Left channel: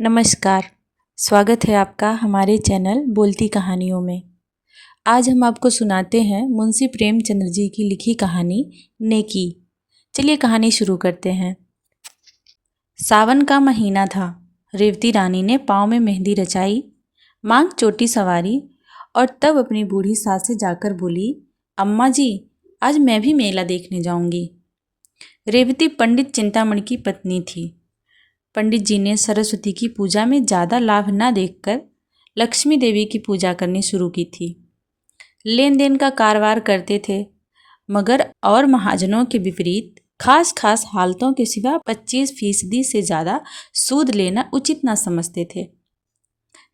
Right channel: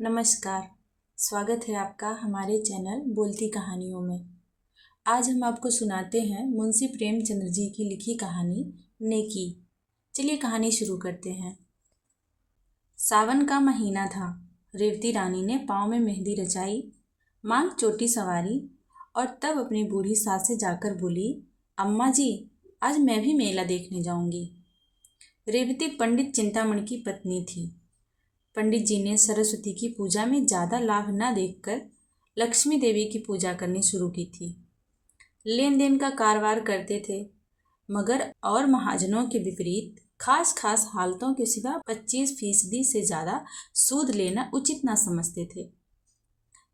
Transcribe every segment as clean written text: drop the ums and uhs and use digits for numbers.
नमस्कार। स्वागत है आपका हमारे चैनल बोलती कहानियों में। आज हम आपको सुनाते हैं मुंशी प्रेमचंद्र जी की लिखी कहानी नेकी। चलिए कहानी शुरू करते हैं। सावन का महीना था। रेवती रानी ने पाँव में मेहंदी रचाई, मांग चोटी सवारी और तब अपनी बूढ़ी सास से जाकर बोली, अम्मा जी, आज मैं भी मेला देखने जाऊंगी। रेवती पंडित चिंतामणि की पत्नी थी। पंडित जी ने सरस्वती की पूजा में ज़्यादा लाभ न देखकर लक्ष्मी देवी की पूजा करनी शुरू की थी। लेन देन का कारोबार करते थे, मगर और महाजनों के विपरीत खास हालतों के सिवा 25% से ज़्यादा सूद लेना उचित न समझते थे।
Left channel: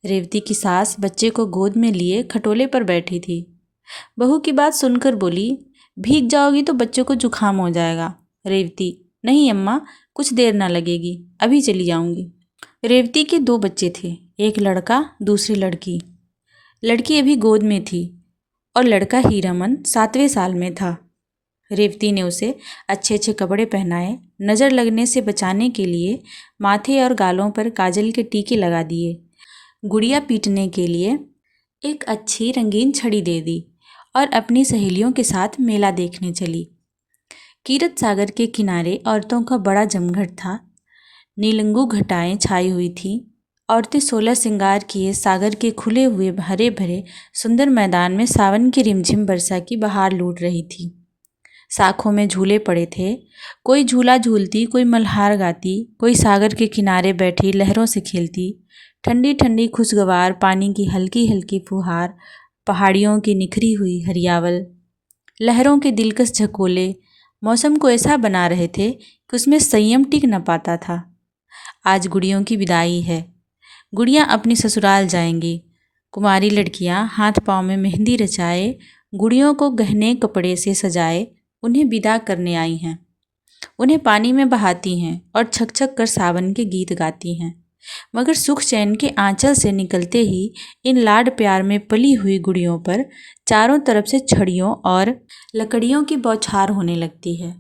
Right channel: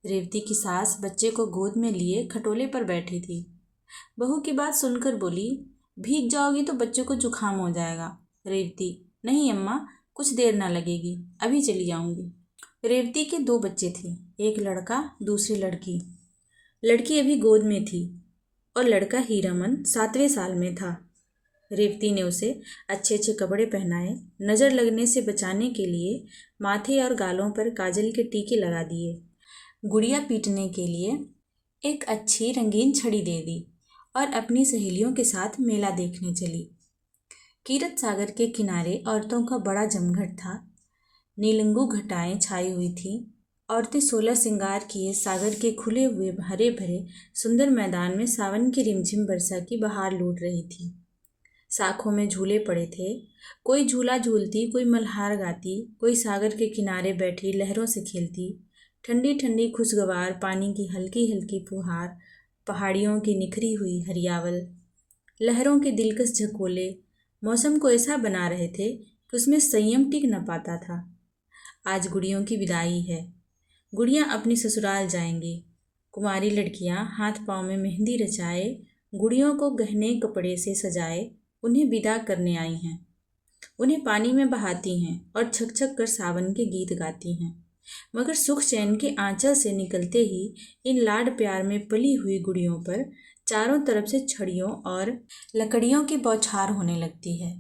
रेवती की सास बच्चे को गोद में लिए खटोले पर बैठी थी। बहू की बात सुनकर बोली, भीग जाओगी तो बच्चों को जुकाम हो जाएगा। रेवती, नहीं अम्मा, कुछ देर ना लगेगी, अभी चली जाऊंगी। रेवती के 2 बच्चे थे, एक लड़का दूसरी लड़की। लड़की अभी गोद में थी और लड़का हीरामन 7वें साल में था। रेवती ने उसे अच्छे अच्छे कपड़े पहनाए, नज़र लगने से बचाने के लिए माथे और गालों पर काजल के टीके लगा दिए। गुड़िया पीटने के लिए एक अच्छी रंगीन छड़ी दे दी और अपनी सहेलियों के साथ मेला देखने चली। कीरत सागर के किनारे औरतों का बड़ा जमघट था। नीलंगू घटाएं छाई हुई थी। औरतें 16 श्रृंगार किए सागर के खुले हुए हरे भरे सुंदर मैदान में सावन की रिमझिम वर्षा की बहार लूट रही थी। शाखों में झूले पड़े थे। कोई झूला झूलती, कोई मल्हार गाती, कोई सागर के किनारे बैठी लहरों से खेलती। ठंडी ठंडी खुशगवार पानी की हल्की हल्की फुहार, पहाड़ियों की निखरी हुई हरियावल, लहरों के दिलकश झकोले मौसम को ऐसा बना रहे थे कि उसमें संयम टिक न पाता था। आज गुड़ियों की विदाई है। गुड़ियाँ अपनी ससुराल जाएंगी। कुमारी लड़कियाँ हाथ पाँव में मेहंदी रचाए, गुड़ियों को गहने कपड़े से सजाए उन्हें विदा करने आई हैं। उन्हें पानी में बहाती हैं और छक छक कर सावन के गीत गाती हैं। मगर सुख चैन के आंचल से निकलते ही इन लाड प्यार में पली हुई गुड़ियों पर चारों तरफ से छड़ियों और लकड़ियों की बौछार होने लगती है।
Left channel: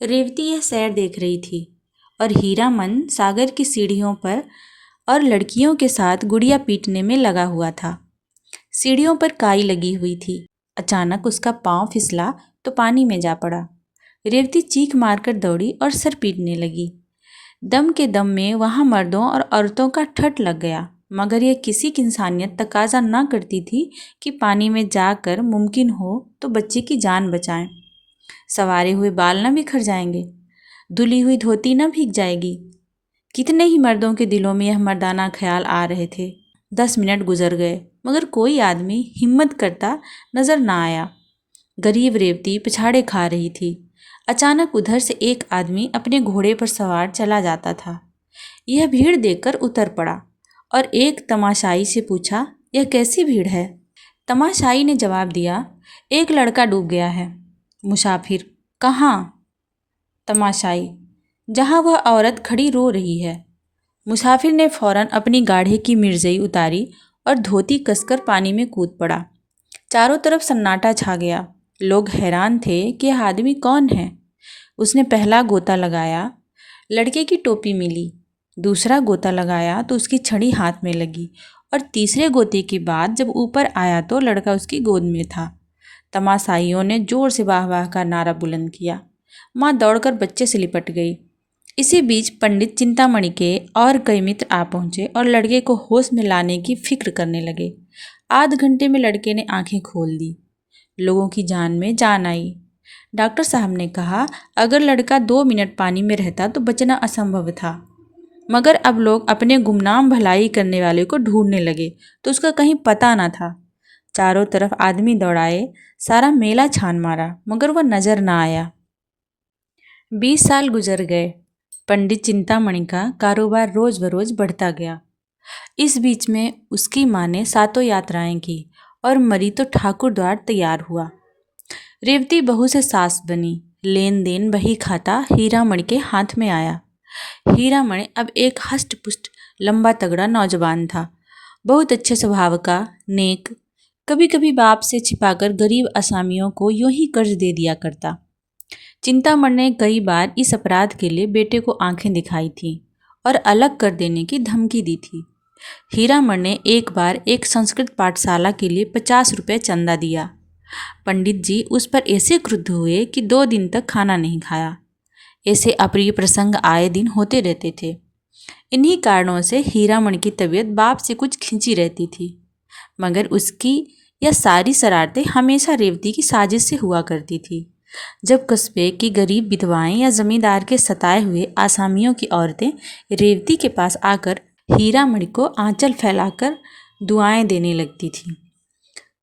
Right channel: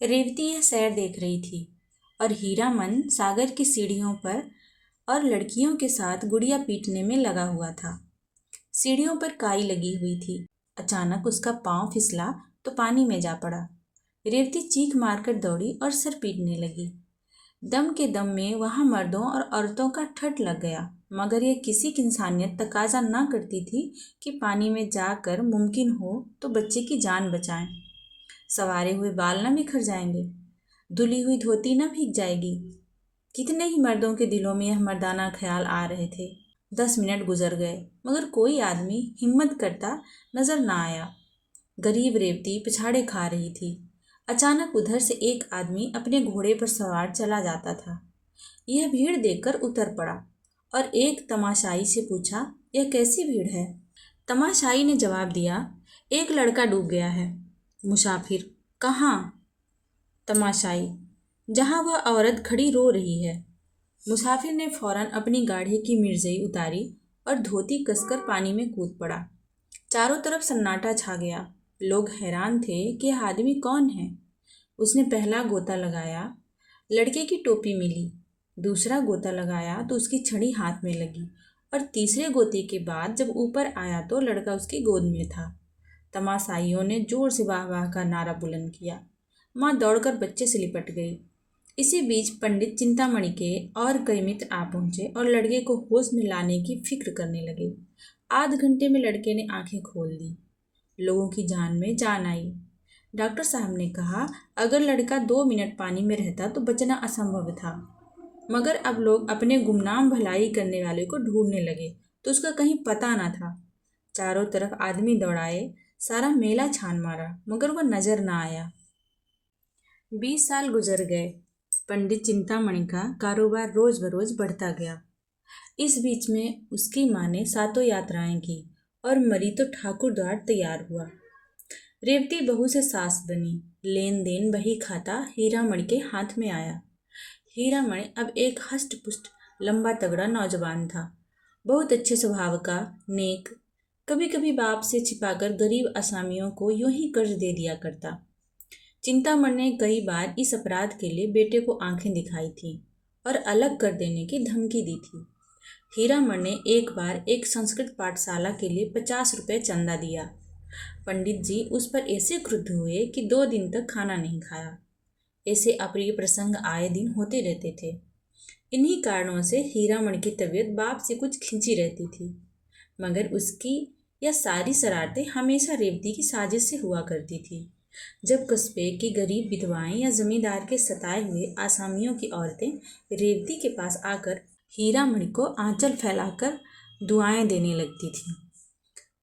रेवती यह सैर देख रही थी और हीरामन सागर की सीढ़ियों पर और लड़कियों के साथ गुड़िया पीटने में लगा हुआ था। सीढ़ियों पर काई लगी हुई थी। अचानक उसका पांव फिसला तो पानी में जा पड़ा। रेवती चीख मारकर दौड़ी और सर पीटने लगी। दम के दम में वहाँ मर्दों और औरतों का ठठ लग गया, मगर यह किसी की इंसानियत तकाजा ना करती थी कि पानी में जाकर मुमकिन हो तो बच्चे की जान बचाएं। सवारे हुए बाल न बिखर जाएंगे, धुली हुई धोती न भीग जाएगी। कितने ही मर्दों के दिलों में यह मर्दाना ख्याल आ रहे थे। 10 मिनट गुजर गए, मगर कोई आदमी हिम्मत करता नजर ना आया। गरीब रेवती पिछाड़े खा रही थी। अचानक उधर से एक आदमी अपने घोड़े पर सवार चला जाता था। यह भीड़ देखकर उतर पड़ा और एक तमाशाई से पूछा, यह कैसी भीड़ है? तमाशाई ने जवाब दिया, एक लड़का डूब गया है। मुसाफिर, कहाँ? तमाशाई, जहाँ वह औरत खड़ी रो रही है। मुसाफिर ने फौरन अपनी गाढ़े की मिर्जई उतारी और धोती कसकर पानी में कूद पड़ा। चारों तरफ सन्नाटा छा गया। लोग हैरान थे कि यह आदमी कौन है। उसने पहला गोता लगाया, लड़के की टोपी मिली। दूसरा गोता लगाया तो उसकी छड़ी हाथ में लगी और तीसरे गोते के बाद जब ऊपर आया तो लड़का उसकी गोद में था। तमाशाइयों ने जोर से वाह वाह का नारा बुलंद किया। माँ दौड़कर बच्चे से लिपट गई। इसी बीच पंडित चिंतामणि के और कई मित्र आ पहुँचे और लड़के को होश में लाने की फिक्र करने लगे। आध घंटे में लड़के ने आंखें खोल दी। लोगों की जान में जान आई। डॉक्टर साहब ने कहा, अगर लड़का 2 मिनट पानी में रहता तो बचना असंभव था, मगर अब लोग अपने गुमनाम भलाई करने वाले को ढूंढने लगे तो उसका कहीं पता न था। चारों तरफ आदमी दौड़ाए, सारा मेला छान मारा, मगर वह नजर न आया। 20 साल गुजर गए। पंडित चिंतामणि का कारोबार रोज बरोज बढ़ता गया। इस बीच में उसकी माँ ने 7 यात्राएं की और मरी तो ठाकुर द्वार तैयार हुआ। रेवती बहू से सास बनी। लेन देन बही खाता हीरामणि के हाथ में आया। हीरामणि अब एक हष्ट पुष्ट लंबा तगड़ा नौजवान था, बहुत अच्छे स्वभाव का, नेक। कभी कभी बाप से छिपाकर गरीब असामियों को यूं ही कर्ज दे दिया करता। चिंतामणि ने कई बार इस अपराध के लिए बेटे को आंखें दिखाई थीं और अलग कर देने की धमकी दी थी। हीरामण ने एक बार एक संस्कृत पाठशाला के लिए 50 रुपये चंदा दिया। पंडित जी उस पर ऐसे क्रुद्ध हुए कि 2 दिन तक खाना नहीं खाया। ऐसे अप्रिय प्रसंग आए दिन होते रहते थे। इन्हीं कारणों से हीरामण की तबीयत बाप से कुछ खिंची रहती थी, मगर उसकी यह सारी शरारतें हमेशा रेवती की साजिश से हुआ करती थी। जब कस्बे की गरीब विधवाएं या जमींदार के सताए हुए आसामियों की औरतें रेवती के पास आकर हीरामण को आंचल फैलाकर दुआएं देने लगती थीं,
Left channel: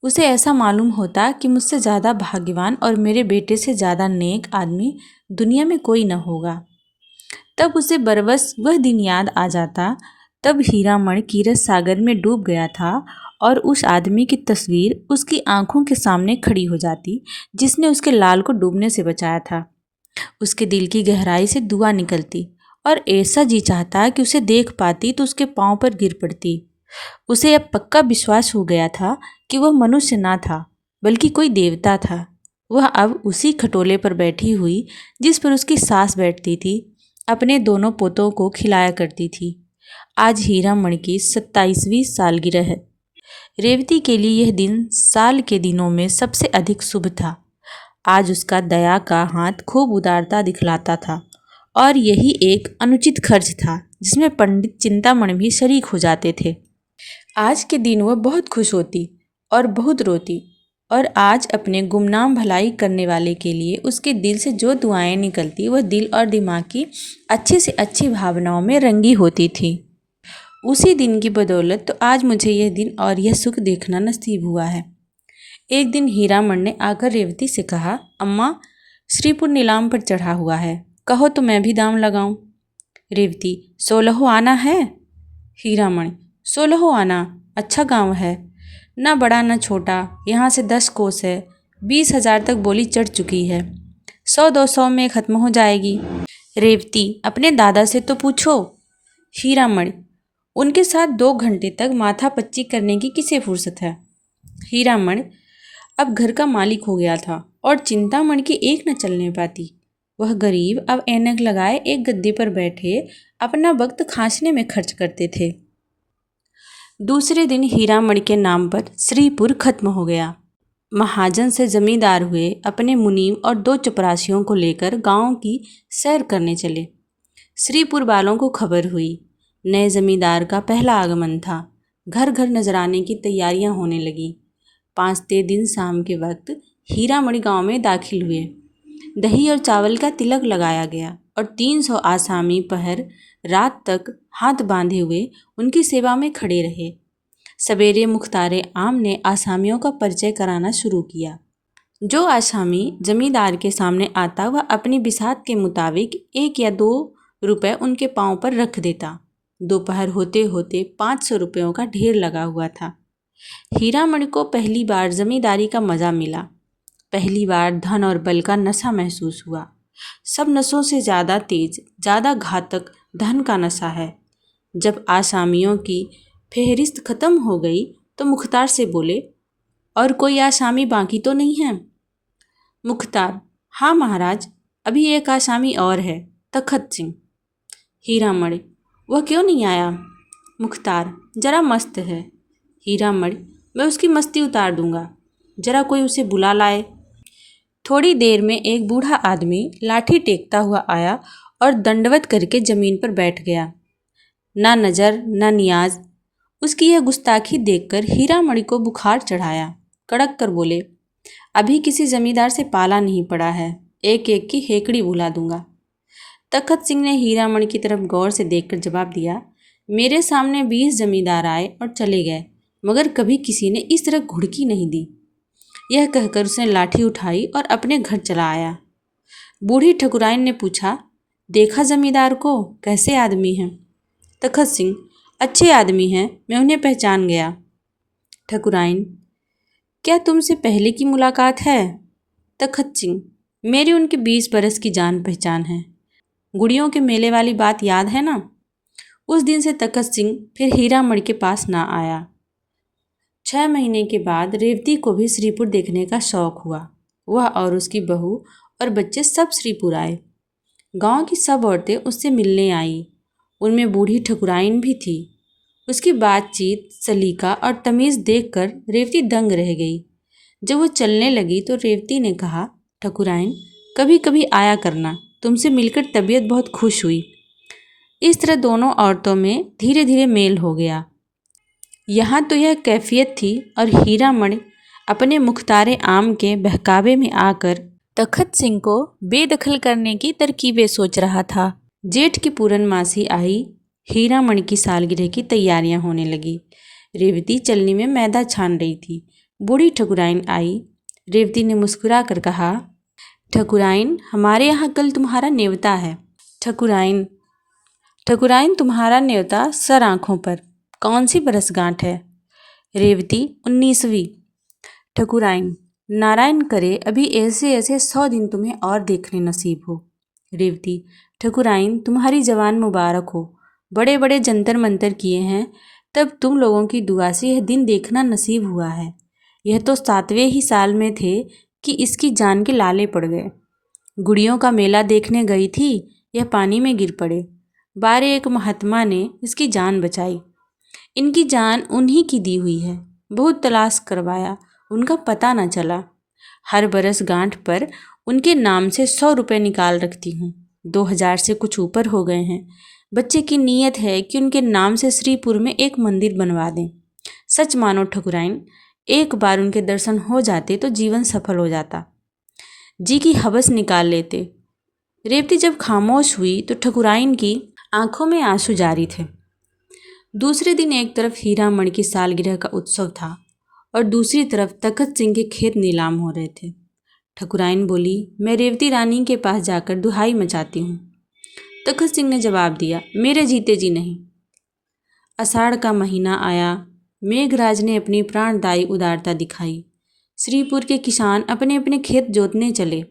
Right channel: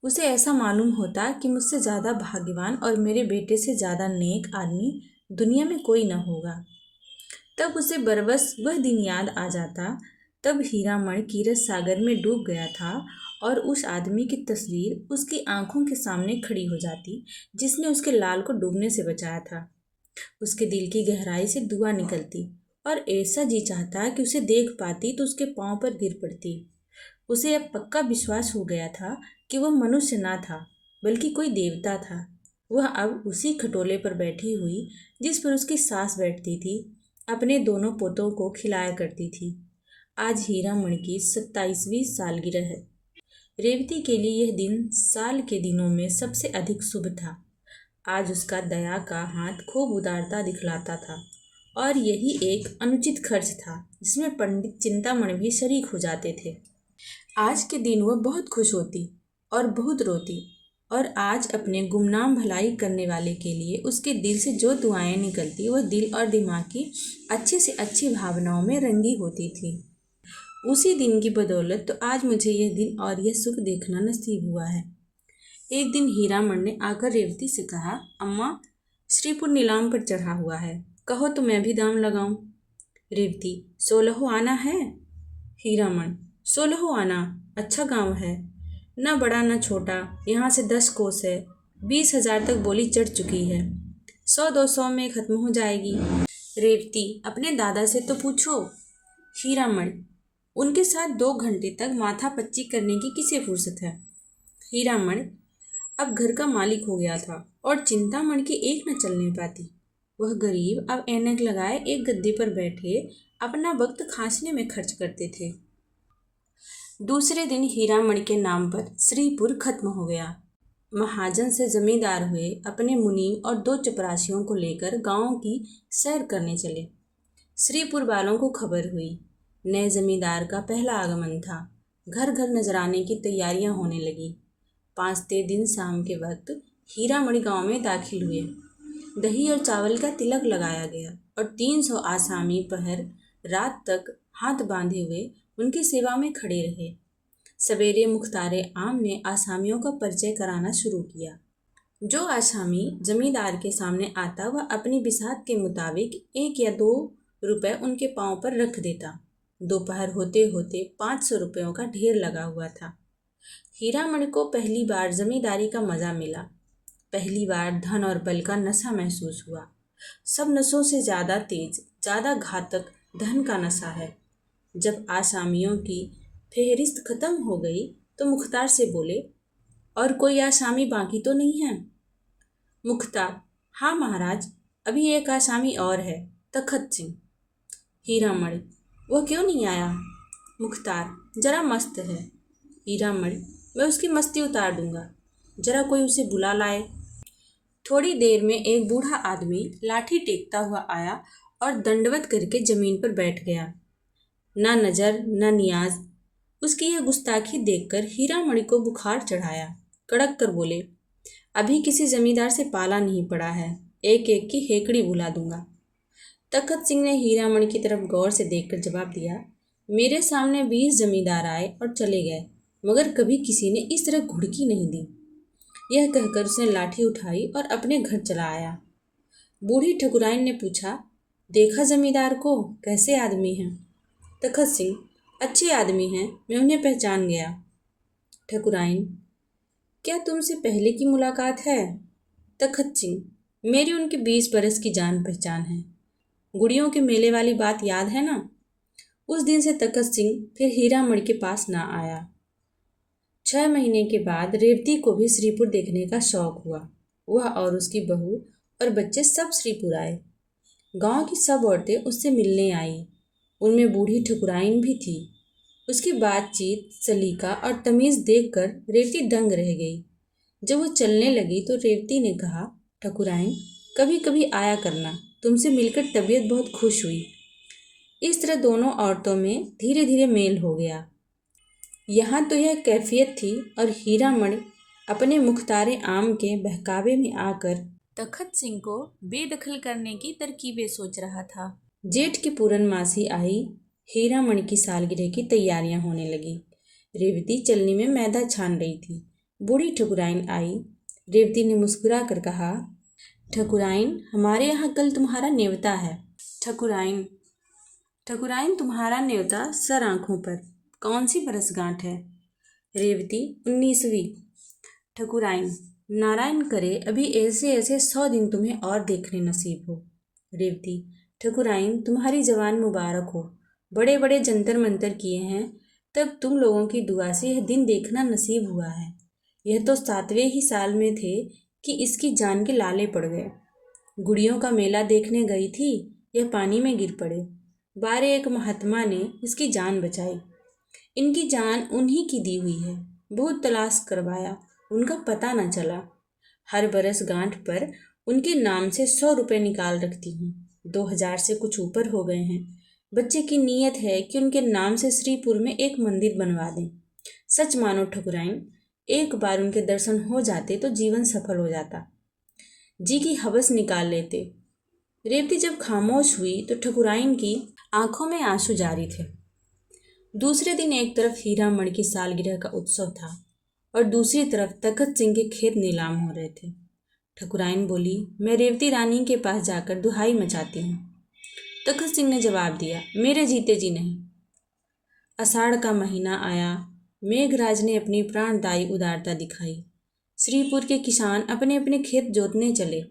उसे ऐसा मालूम होता कि मुझसे ज़्यादा भाग्यवान और मेरे बेटे से ज़्यादा नेक आदमी दुनिया में कोई न होगा। तब उसे बरबस वह दिन याद आ जाता, तब हीरामण कीरत सागर में डूब गया था और उस आदमी की तस्वीर उसकी आंखों के सामने खड़ी हो जाती जिसने उसके लाल को डूबने से बचाया था। उसके दिल की गहराई से दुआ निकलती और ऐसा जी चाहता कि उसे देख पाती तो उसके पांव पर गिर पड़ती। उसे अब पक्का विश्वास हो गया था कि वह मनुष्य ना था बल्कि कोई देवता था। वह अब उसी खटोले पर बैठी हुई जिस पर उसकी सास बैठती थी, अपने दोनों पोतों को खिलाया करती थी। आज हीरामण की 27वीं सालगिरह है। रेवती के लिए यह दिन साल के दिनों में सबसे अधिक शुभ था। आज उसका दया का हाथ खूब उदारता दिखलाता था और यही एक अनुचित खर्च था जिसमें पंडित चिंतामणि भी शरीक हो जाते थे। आज के दिन वह बहुत खुश होती और बहुत रोती, और आज अपने गुमनाम भलाई करने वाले के लिए उसके दिल से जो दुआएं निकलती वह दिल और दिमाग की अच्छी से अच्छी भावनाओं में रंगी होती थी। उसी दिन की बदौलत तो आज मुझे यह दिन और यह सुख देखना नसीब हुआ है। एक दिन हीरामण ने आकर रेवती से कहा, अम्मा, श्रीपुर नीलाम पर चढ़ा हुआ है, कहो तो मैं भी दाम लगाऊं। रेवती, 16 आना है। हीरामण, 16 आना, अच्छा गांव है, न बड़ा न छोटा, यहाँ से 10 कोस है, 20,000 तक बोली चढ़ चुकी है, 100-200 में ख़त्म हो जाएगी। रेवती, अपने दादा से तो पूछो। हीरामण, उनके साथ 2 घंटे तक माथा पच्ची करने की किसे फुर्सत है। हीरामण अब घर का मालिक हो गया था और चिंतामणि की एक न चलने पाती। वह गरीब अब ऐनक लगाए एक गद्दे पर बैठे अपना वक्त खांसने में खर्च करते थे। दूसरे दिन हीरामणि के नाम पर श्रीपुर खत्म हो गया। महाजन से जमींदार हुए अपने मुनीम और 2 चपरासियों को लेकर गांव की सैर करने चले। श्रीपुर वालों को खबर हुई, नए जमींदार का पहला आगमन था। घर घर नजराने की तैयारियां होने लगीं। 5वें दिन शाम के वक्त हीरामणि गांव में दाखिल हुए। दही और चावल का तिलक लगाया गया और 300 आसामी पहर रात तक हाथ बांधे हुए उनकी सेवा में खड़े रहे। सवेरे मुख्तारे आम ने आसामियों का परिचय कराना शुरू किया। जो आसामी जमींदार के सामने आता वह अपनी बिसात के मुताबिक 1 या 2 रुपये उनके पांव पर रख देता। दोपहर होते होते 500 रुपयों का ढेर लगा हुआ था। हीरामणि को पहली बार जमींदारी का मज़ा मिला। पहली बार धन और बल का नशा महसूस हुआ। सब नशों से ज़्यादा तेज, ज़्यादा घातक धन का नशा है। जब आसामियों की फेहरिस्त ख़त्म हो गई तो मुख्तार से बोले, और कोई आसामी बाकी तो नहीं है। मुख्तार, हाँ महाराज, अभी एक आसामी और है, तखत सिंह। हीरामणि, वह क्यों नहीं आया। मुख्तार, जरा मस्त है। हीरामणि, मैं उसकी मस्ती उतार दूंगा, जरा कोई उसे बुला लाए। थोड़ी देर में एक बूढ़ा आदमी लाठी टेकता हुआ आया और दंडवत करके ज़मीन पर बैठ गया। ना नज़र ना नियाज। उसकी यह गुस्ताखी देखकर हीरामणि को बुखार चढ़ाया। कड़क कर बोले, अभी किसी जमींदार से पाला नहीं पड़ा है, एक एक की हेकड़ी बुला दूंगा। तखत सिंह ने हीरामणि की तरफ गौर से देखकर जवाब दिया, मेरे सामने 20 जमींदार आए और चले गए, मगर कभी किसी ने इस तरह घुड़की नहीं दी। यह कहकर उसने लाठी उठाई और अपने घर चला आया। बूढ़ी ठकुराइन ने पूछा, देखा जमींदार को, कैसे आदमी हैं। तखत सिंह, अच्छे आदमी हैं, मैं उन्हें पहचान गया। ठकुराइन, क्या तुमसे पहले की मुलाकात है। तखत सिंह, मेरी उनके 20 बरस की जान पहचान है। गुड़ियों के मेले वाली बात याद है ना। उस दिन से तखत सिंह फिर हीरामणि के पास ना आया। 6 महीने के बाद रेवती को भी श्रीपुर देखने का शौक हुआ। वह और उसकी बहू और बच्चे सब श्रीपुर आए। गांव की सब औरतें उससे मिलने आईं। उनमें बूढ़ी ठकुराइन भी थी। उसकी बातचीत, सलीका और तमीज़ देखकर रेवती दंग रह गई। जब वो चलने लगी तो रेवती ने कहा, ठकुराइन, कभी कभी आया करना, तुमसे मिलकर तबीयत बहुत खुश हुई। इस तरह दोनों औरतों में धीरे धीरे मेल हो गया। यहाँ तो यह कैफियत थी और हीरामणि अपने मुख्तारे आम के बहकावे में आकर तखत सिंह को बेदखल करने की तरकीबें सोच रहा था। जेठ की पूर्णमासी आई। हीरामणि की सालगिरह की तैयारियां होने लगी। रेवती चलनी में मैदा छान रही थी। बूढ़ी ठकुराइन आई। रेवती ने मुस्कुरा कर कहा, ठकुराइन, हमारे यहाँ कल तुम्हारा न्योता है। ठकुराइन ठकुराइन तुम्हारा न्योता सर आँखों पर। कौन सी बरसगांठ है? रेवती, 19वीं। ठकुराइन, नारायण करे अभी ऐसे ऐसे 100 दिन तुम्हें और देखने नसीब हो। रेवती, ठकुराइन, तुम्हारी जवान मुबारक हो। बड़े बड़े जंतर मंतर किए हैं, तब तुम लोगों की दुआ से यह दिन देखना नसीब हुआ है। यह तो 7वें ही साल में थे कि इसकी जान के लाले पड़ गए। गुड़ियों का मेला देखने गई थी, यह पानी में गिर पड़े। बारे एक महात्मा ने इसकी जान बचाई। इनकी जान उन्हीं की दी हुई है। बहुत तलाश करवाया, उनका पता न चला। हर बरस गांठ पर उनके नाम से 100 रुपये निकाल रखती हूँ। 2000 से कुछ ऊपर हो गए हैं। बच्चे की नीयत है कि उनके नाम से श्रीपुर में एक मंदिर बनवा दें। सच मानो ठकुराइन, एक बार उनके दर्शन हो जाते तो जीवन सफल हो जाता। जी की हवस निकाल लेते। रेवती जब खामोश हुई तो ठकुराइन की आंखों में आंसू जारी थे। दूसरे दिन एक तरफ हीरामणि की सालगिरह का उत्सव था और दूसरी तरफ तखत सिंह के खेत नीलाम हो रहे थे। ठकुराइन बोली, मैं रेवती रानी के पास जाकर दुहाई मचाती हूँ। तखत सिंह ने जवाब दिया, मेरे जीते जी नहीं। आषाढ़ का महीना आया। मेघराज ने अपनी प्राणदायी उदारता दिखाई। श्रीपुर के किसान अपने अपने खेत जोतने चले।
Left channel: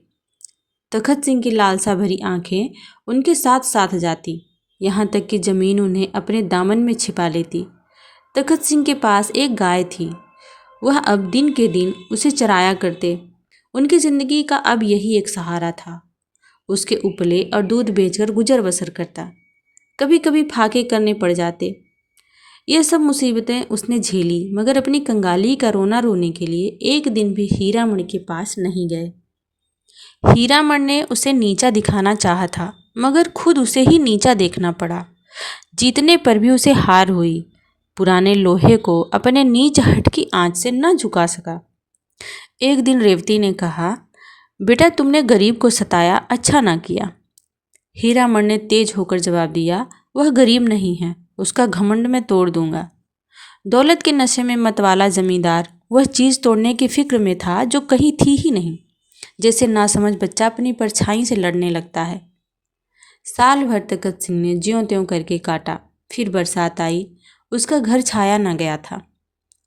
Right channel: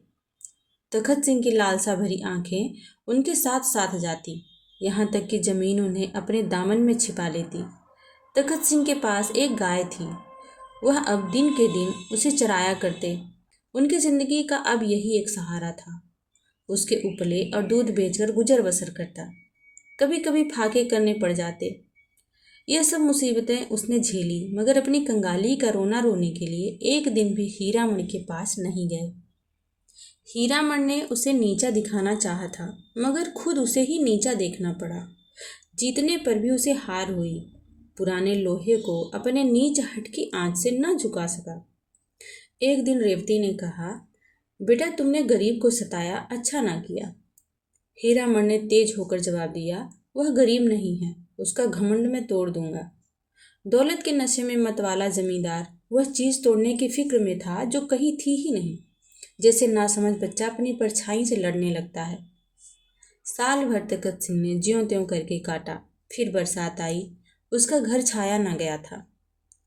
तखत सिंह की लालसा भरी आंखें उनके साथ साथ जाती, यहाँ तक कि जमीन उन्हें अपने दामन में छिपा लेती। तखत सिंह के पास एक गाय थी। वह अब दिन के दिन उसे चराया करते। उनकी जिंदगी का अब यही एक सहारा था। उसके उपले और दूध बेचकर गुजर बसर करता। कभी कभी फाके करने पड़ जाते। यह सब मुसीबतें उसने झेली, मगर अपनी कंगाली का रोना रोने के लिए एक दिन भी हीरामणि के पास नहीं गए। हीरामणि ने उसे नीचा दिखाना चाहा था, मगर खुद उसे ही नीचा देखना पड़ा। जीतने पर भी उसे हार हुई। पुराने लोहे को अपने नीच हट की आंच से न झुका सका। एक दिन रेवती ने कहा, बेटा, तुमने गरीब को सताया, अच्छा ना किया। हीरामणि ने तेज होकर जवाब दिया, वह गरीब नहीं है, उसका घमंड मैं तोड़ दूंगा। दौलत के नशे में मतवाला जमींदार वह चीज़ तोड़ने की फिक्र में था जो कहीं थी ही नहीं। जैसे नासमझ बच्चा अपनी परछाई से लड़ने लगता है। साल भर तखत सिंह ने ज्यों त्यों करके काटा। फिर बरसात आई। उसका घर छाया न गया था।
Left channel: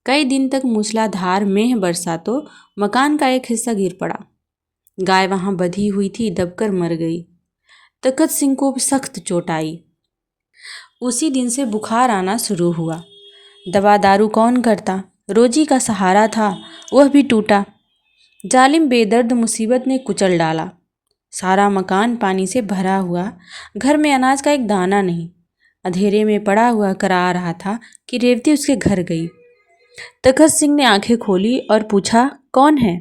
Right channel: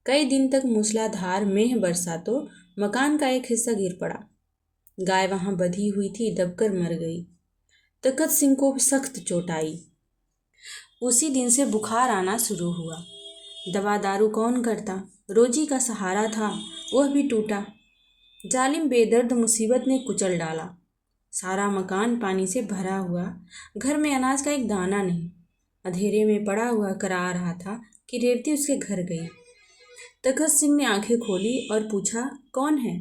कई दिन तक मूसलाधार मेघ बरसा तो मकान का एक हिस्सा गिर पड़ा। गाय वहां बंधी हुई थी, दबकर मर गई। तखत सिंह को सख्त चोट आई। उसी दिन से बुखार आना शुरू हुआ। दवा दारू कौन करता? रोजी का सहारा था, वह भी टूटा। जालिम बेदर्द मुसीबत ने कुचल डाला। सारा मकान पानी से भरा हुआ। घर में अनाज का एक दाना नहीं। अंधेरे में पड़ा हुआ करा रहा था कि रेवती उसके घर गई। तखत सिंह ने आंखें खोली और पूछा, कौन है?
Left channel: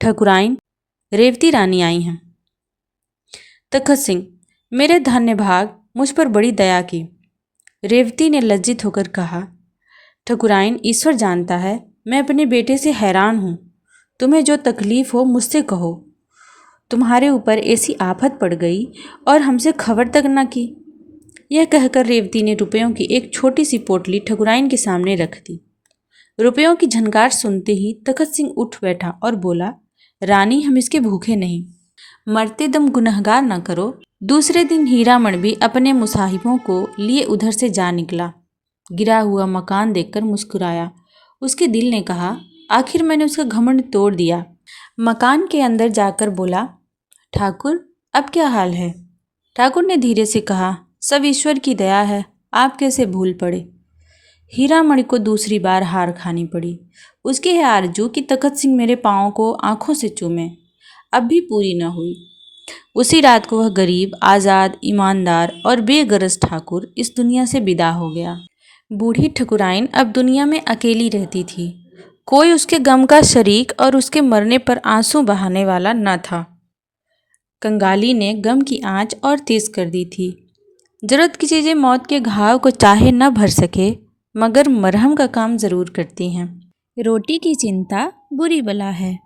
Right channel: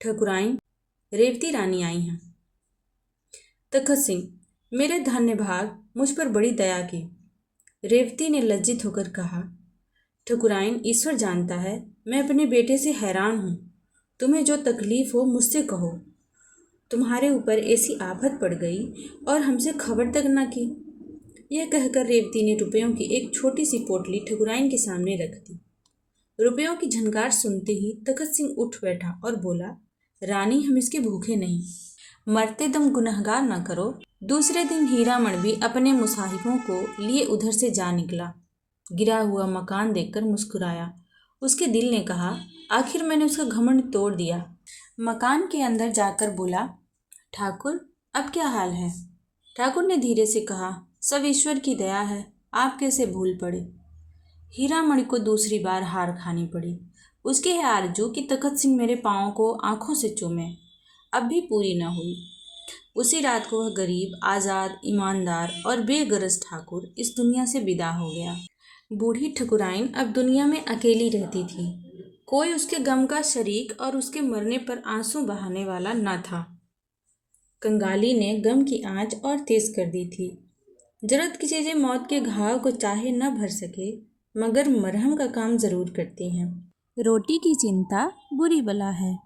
ठकुराइन, रेवती रानी आई हैं। तखत सिंह, मेरे धन्य भाग, मुझ पर बड़ी दया की। रेवती ने लज्जित होकर कहा, ठकुराइन, ईश्वर जानता है मैं अपने बेटे से हैरान हूँ। तुम्हें जो तकलीफ हो मुझसे कहो। तुम्हारे ऊपर ऐसी आफत पड़ गई और हमसे खबर तक न की। यह कहकर रेवती ने रुपयों की एक छोटी सी पोटली ठकुराइन के सामने रख दी। रुपयों की झनकार सुनते ही तखत सिंह उठ बैठा और बोला, रानी, हम इसके भूखे नहीं, मरते दम गुनहगार न करो। दूसरे दिन हीरामणि भी अपने मुसाहिबों को लिए उधर से जा निकला। गिरा हुआ मकान देखकर मुस्कुराया। उसके दिल ने कहा, आखिर मैंने उसका घमंड तोड़ दिया। मकान के अंदर जाकर बोला, ठाकुर, अब क्या हाल है? ठाकुर ने धीरे से कहा, सब ईश्वर की दया है, आप कैसे भूल पड़े। हीरामणि को दूसरी बार हार खानी पड़ी। उसकी है आरजू कि तखत सिंह मेरे पाँव को आंखों से चूमे, अब भी पूरी न हुई। उसी रात को वह गरीब, आज़ाद, ईमानदार और बेगरज ठाकुर इस दुनिया से विदा हो गया। बूढ़ी ठकुराइन अब दुनिया में अकेली रहती थी। कोई उसके गम का शरीक और उसके मरने पर आंसू बहाने वाला न था। कंगाली ने गम की आंच और तेज कर दी थी। जरूरत की चीज़ें मौत के घाव को चाहे न भर सके, मगर मरहम का काम ज़रूर करती हैं। रोटी की चिंता बुरी बला है।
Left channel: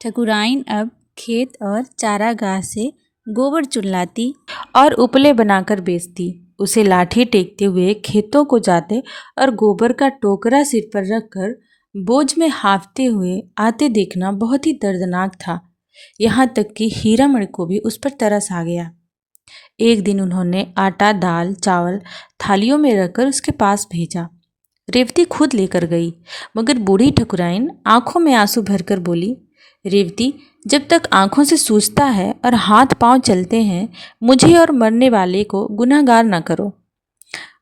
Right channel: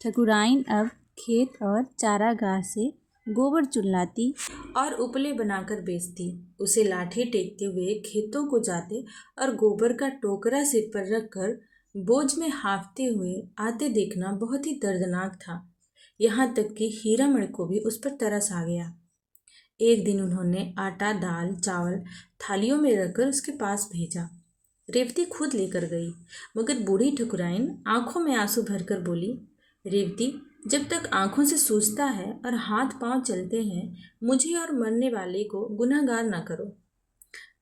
ठकुराइन अब खेत और चारागाह से गोबर चुनलाती और उपले बनाकर बेचती। उसे लाठी टेकते हुए खेतों को जाते और गोबर का टोकरा सिर पर रखकर बोझ में हाँफते हुए आते देखना बहुत ही दर्दनाक था। यहाँ तक कि हीरामण को भी उस पर तरस आ गया। एक दिन उन्होंने आटा, दाल, चावल थालियों में रखकर उसके पास भेजा। रेवती खुद लेकर गई, मगर बूढ़ी ठकुराइन आंखों में आंसू भरकर बोली, रेवती, जब तक आंखों से सूझता है और हाथ पांव चलते हैं, मुझे और मरने वाले को गुनहगार न करो।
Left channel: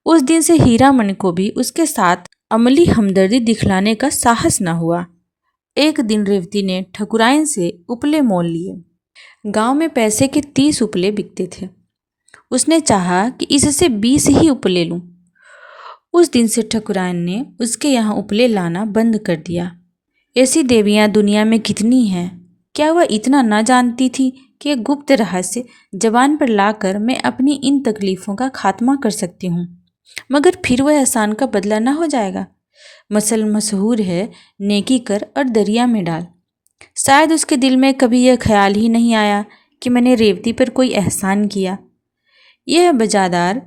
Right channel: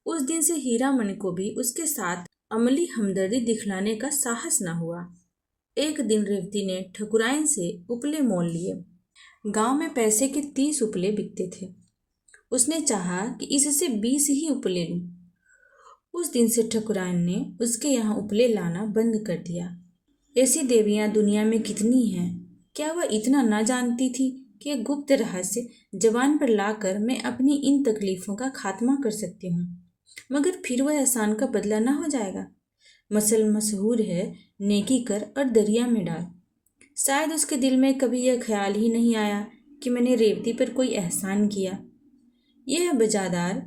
उस दिन से हीरामणि को भी उसके साथ अमली हमदर्दी दिखलाने का साहस न हुआ। एक दिन रेवती ने ठकुराइन से उपले मोल लिए। गांव में पैसे के 30 उपले बिकते थे। उसने चाहा कि इससे 20 ही उपले लूं। उस दिन से ठकुराइन ने उसके यहाँ उपले लाना बंद कर दिया। ऐसी देवियाँ दुनिया में कितनी हैं, क्या वह इतना न जानती थी कि एक गुप्त रहस्य जबान पर लाकर मैं अपनी इन तकलीफ़ों का खात्मा कर सकती हूँ, मगर फिर वह एहसान का बदला न हो जाएगा। मसल मशहूर है, नेकी कर और दरिया में डाल। शायद उसके दिल में कभी यह ख्याल ही नहीं आया कि मैंने रेवती पर कोई एहसान किया। यह बजादार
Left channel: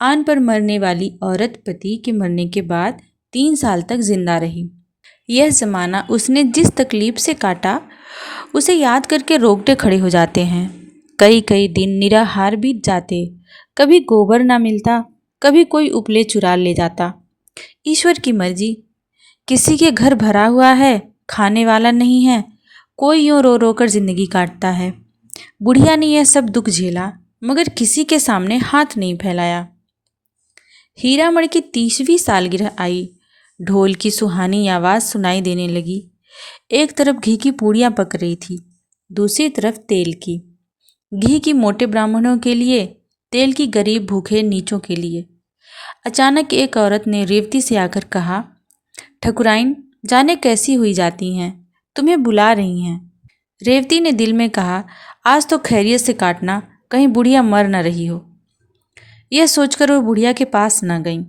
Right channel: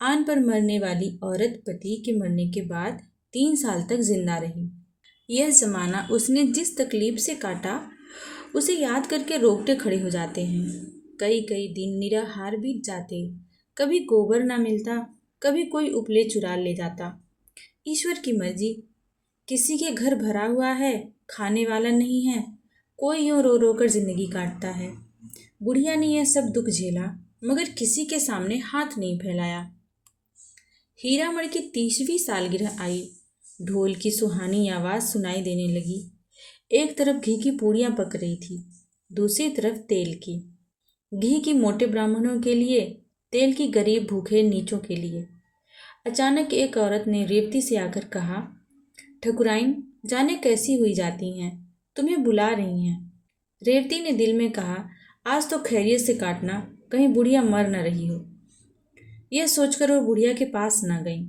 आन पर मरने वाली औरत पति के मरने के बाद 3 साल तक जिंदा रही। यह ज़माना उसने जिस तकलीफ से काटा, उसे याद करके रोंगटे खड़े हो जाते हैं। कई कई दिन निराहार बीत जाते। कभी गोबर ना मिलता, कभी कोई उपले चुरा ले जाता। ईश्वर की मर्जी। किसी के घर भरा हुआ है, खाने वाला नहीं है, कोई यूँ रो रो कर जिंदगी काटता है। बुढ़िया ने यह सब दुख झेला, मगर किसी के सामने हाथ नहीं फैलाया। हीरामण की 30वीं सालगिरह आई। ढोल की सुहानी आवाज़ सुनाई देने लगी। एक तरफ घी की पूड़ियाँ पक रही थी, दूसरी तरफ तेल की। घी की मोटे ब्राह्मणों के लिए, तेल की गरीब भूखे नीचों के लिए। अचानक एक औरत ने रेवती से आकर कहा, ठकुराइन, जाने कैसी हुई जाती हैं, तुम्हें बुला रही हैं। रेवती ने दिल में कहा, आज तो खैरियत से काटना, कहीं बुढ़िया मर न रही हो। यह सोचकर वो बुढ़िया के पास न गई।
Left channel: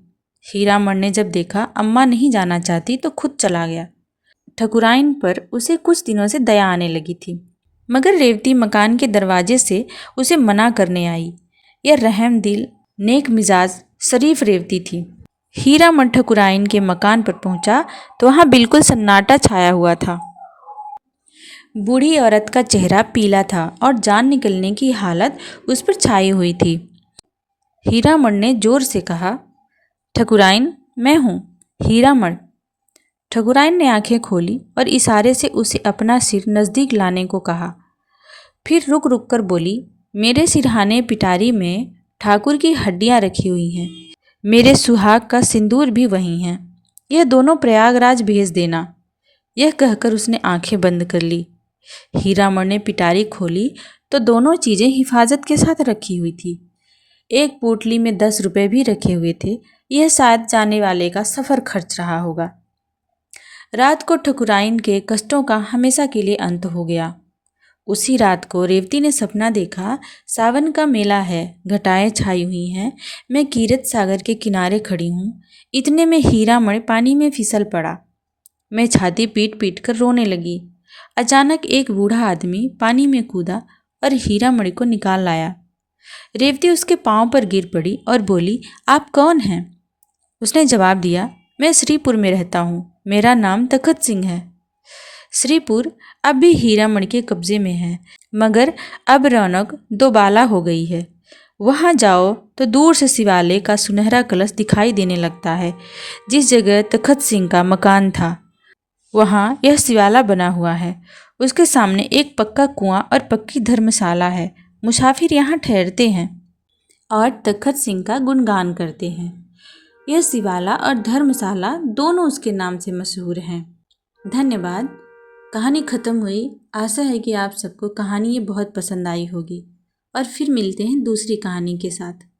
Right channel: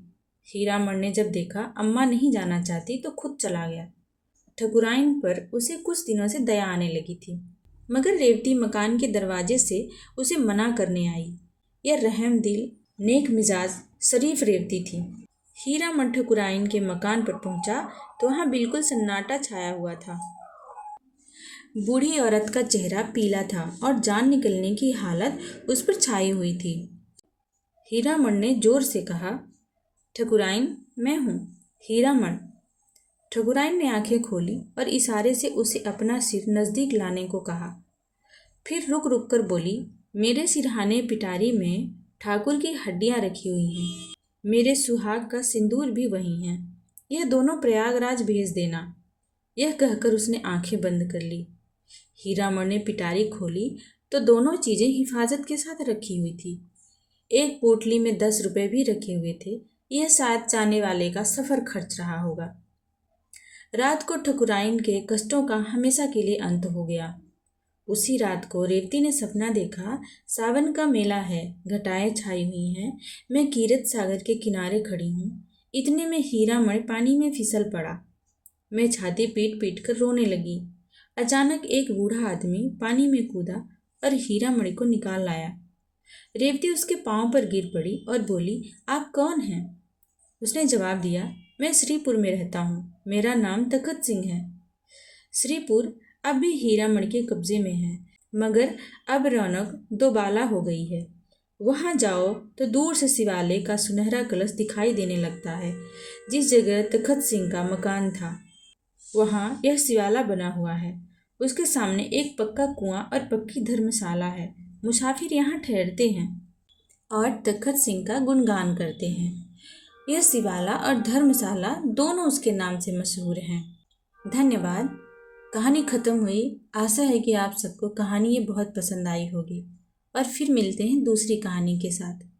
हीरामण ने जब देखा अम्मा नहीं जाना चाहती तो खुद चला गया। ठकुराइन पर उसे कुछ दिनों से दया आने लगी थी, मगर रेवती मकान के दरवाजे से उसे मना करने आई। यह रहम दिल, नेक मिजाज, शरीफ रेवती थी। हीरामण ठकुराइन के मकान पर पहुंचा तो वहां बिल्कुल सन्नाटा छाया हुआ था। बूढ़ी औरत का चेहरा पीला था और जान निकलने की हालत उस पर छाई हुई थी। हीरामण ने जोर से कहा, ठकुराइन, मैं हूँ हीरामण। ठकुराइन ने आंखें खोली और इशारे से उसे अपना सिर नज़दीक लाने को कहा। फिर रुक रुक कर बोली, मेरे सिरहाने पिटारी में ठाकुर की हड्डियाँ रखी हुई हैं। मेरे सुहाग का सिंदूर भी वहीं है। यह दोनों प्रयागराज भेज देना। यह कहकर उसने आंखें बंद कर ली। हीरामण ने पिटारी खोली तो दोनों चीज़ें हिफाजत के साथ रखी हुई थी। एक पोटली में 10 रुपये भी रखे हुए थे। यह शायद जाने वाले का सफ़र खर्च रहा होगा। रात को ठकुराइन के कष्टों का हमेशा के लिए अंत हो गया। उसी रात को रेवती ने सपना देखा, सावन का मेला है, घटाएं छाई हुई हैं, मैं कीरत सागर के किनारे खड़ी हूँ। इतने में हीरामण पानी में फिसल पड़ा। मैं छाती पीट पीट कर रोने लगी। अचानक एक बूढ़ा आदमी पानी में कूदा और हीरामणि को निकाल लाया। रेवती उसके पांव पर गिर पड़ी और बोली, आप कौन हैं? उसने जवाब दिया, मैं श्रीपुर में रहता हूँ, मेरा नाम तखत सिंह है। श्रीपुर अब भी हीरामणि के कब्जे में है, मगर अब रौनक दोबाला हो गई है। वहाँ जाओ तो दूर से शिवालय का सुनहरा कलश दिखाई देने लगता है। जिस जगह तखत सिंह का मकान था, वहाँ यह शिवाला बना हुआ है। उसके सामने एक पक्का कुआं और पक्की धर्मशाला है। मुसाफिर यहाँ ठहरते हैं और तखत सिंह का गुणगान करते हैं। यह शिवाला और धर्मशाला दोनों उसके नाम से मशहूर हैं। धन्यवाद। कहानी ख़त्म हुई। आशा है कि आप सबको कहानी ये बहुत पसंद आई होगी। और फिर मिलते हैं दूसरी कहानी के साथ।